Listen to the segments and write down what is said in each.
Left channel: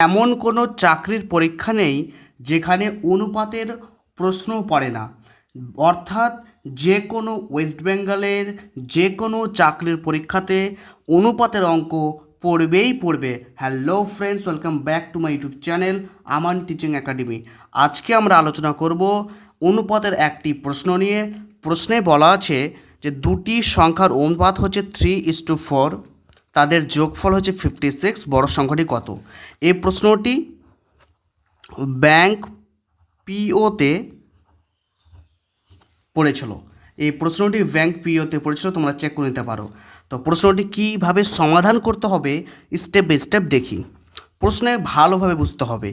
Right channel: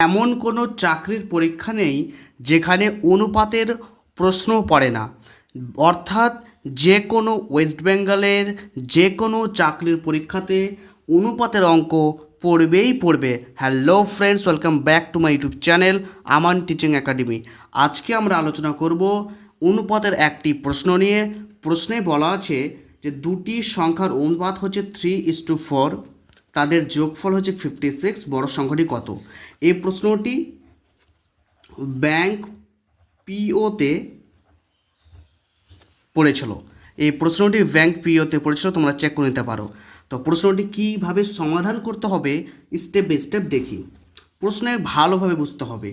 এমন কোনো চাকরির পরীক্ষা নেই যেখানে অনুপাতের প্রশ্ন পড়ে না। অর্থাৎ যে কোনো ওয়েস্ট বেঙ্গলের যে কোনো চাকরির পরীক্ষাতে অনুপাতের অঙ্ক পড়বেই পড়বে। Hello friends, welcome back to my YouTube channel Aman teaching academy. আজকে আমরা আলোচনা করব অনুপাতের একটি প্রশ্ন নিয়ে। প্রশ্নে বলা আছে যে দুটি সংখ্যার অনুপাত হচ্ছে 3:4, তাদের যোগফল হচ্ছে 56, বড় সংখ্যাটি কত? এই প্রশ্নটি ব্যাংক পিওতে পড়েছিল। তোমরা চেক করে নিতে পারো। তো প্রশ্নটি কীভাবে সমাধান করতে হবে স্টেপ বাই স্টেপ দেখি। প্রশ্নে ভালোভাবে বুঝতে হবে।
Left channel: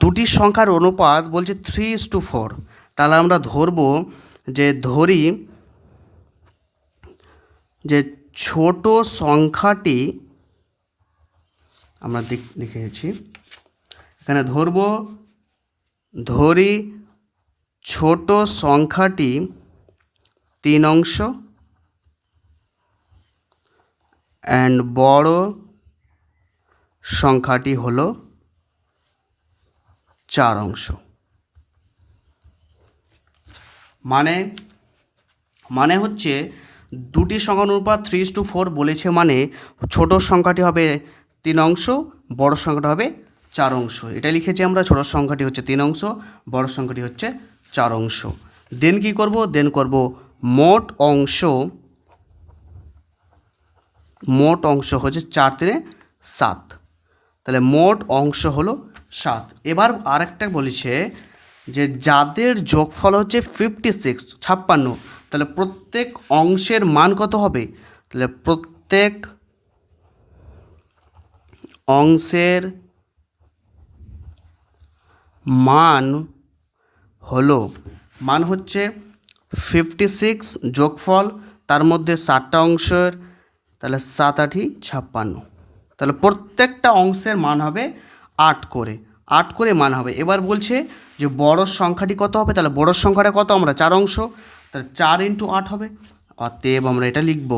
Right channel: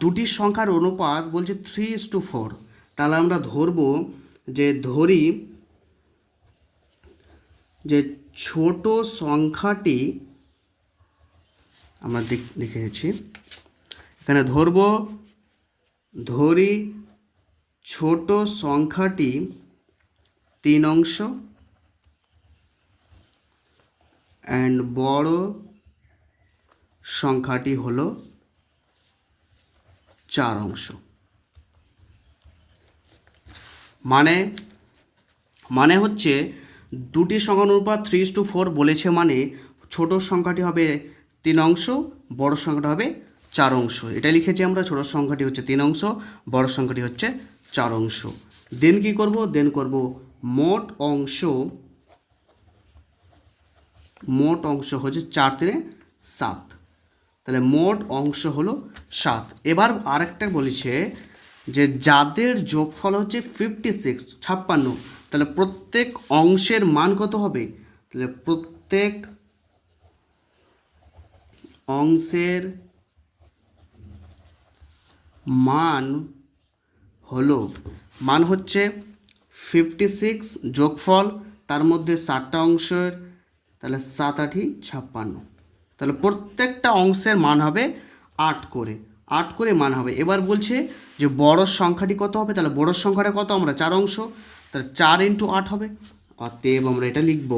দুটি সংখ্যার অনুপাত বলছে 3:4, তাহলে আমরা ধরি যে ছোট সংখ্যাটি, আমরা লিখেছি এখানে ধরি ছোট সংখ্যাটি 3 অংশ অ্যান্ড বড় সংখ্যাটি হলো 4 অংশ। মানে হচ্ছে দুটি সংখ্যার অনুপাত 3:4 বলেছে, মানে ছোট সংখ্যাটি হবে 3 অংশ, বড় সংখ্যাটা হবে 4 অংশ। এটা লিখেছি আমরা, ছোট সংখ্যাটি হচ্ছে 3 অংশ, বড় সংখ্যাটি হচ্ছে 4 অংশ। দেন কি করব? মোট অংশ হচ্ছে 4 × 7, তাহলে মোট অংশ হলো 7। এবার আরেকটা বলেছে যে যাদের যোগফল হচ্ছে 56, 56, তাহলে প্রত্যেক অংশের মান কত হবে? তাহলে প্রত্যেক অংশের মান হচ্ছে 56 যোগফল, তার মধ্যে 7টা অংশের, তাহলে 7 × 8 = 56। তাহলে প্রত্যেকটা অংশের মান হবে 8 করে মান হবে। এবার বলছে যে বড় সংখ্যাটি কত হবে? তাহলে বড় সংখ্যাটা কত? আমরা 4 অংশ, তাহলে 4 × 8 হবে। অতএব আমরা এটা লিখব,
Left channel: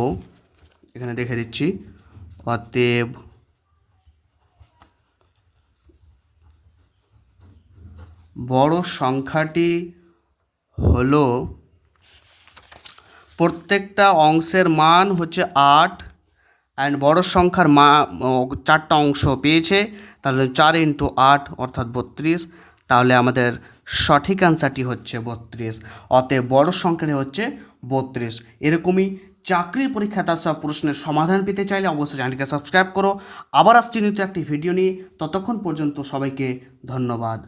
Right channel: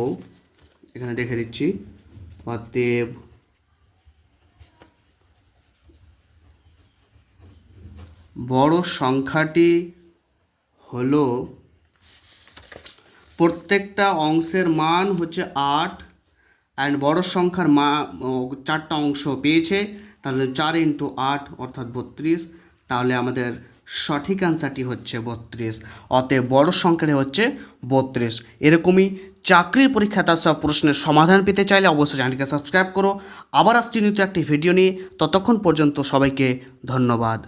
এখানে দেখে দিচ্ছি, অতএব বড় সংখ্যাটি হলো, প্রত্যেকটা অংশের মান হচ্ছে 8 অ্যান্ড বড় সংখ্যার 4টা অংশ পেয়েছে, তাহলে 4 × 8 অর্থাৎ 32। তাহলে আমাদের সঠিক অ্যান্সারটি হচ্ছে 32। অতএব বড় সংখ্যাটি হচ্ছে 32। এরকমই চাকরির পরীক্ষা তার সব প্রশ্নের সমাধান পেতে চাইলে অবশ্যই চ্যানেলটিকে সাবস্ক্রাইব করো। আবার আসছি নিত্য একটি ভিডিও নিয়ে। ততক্ষণ পর্যন্ত সবাইকে ধন্যবাদ।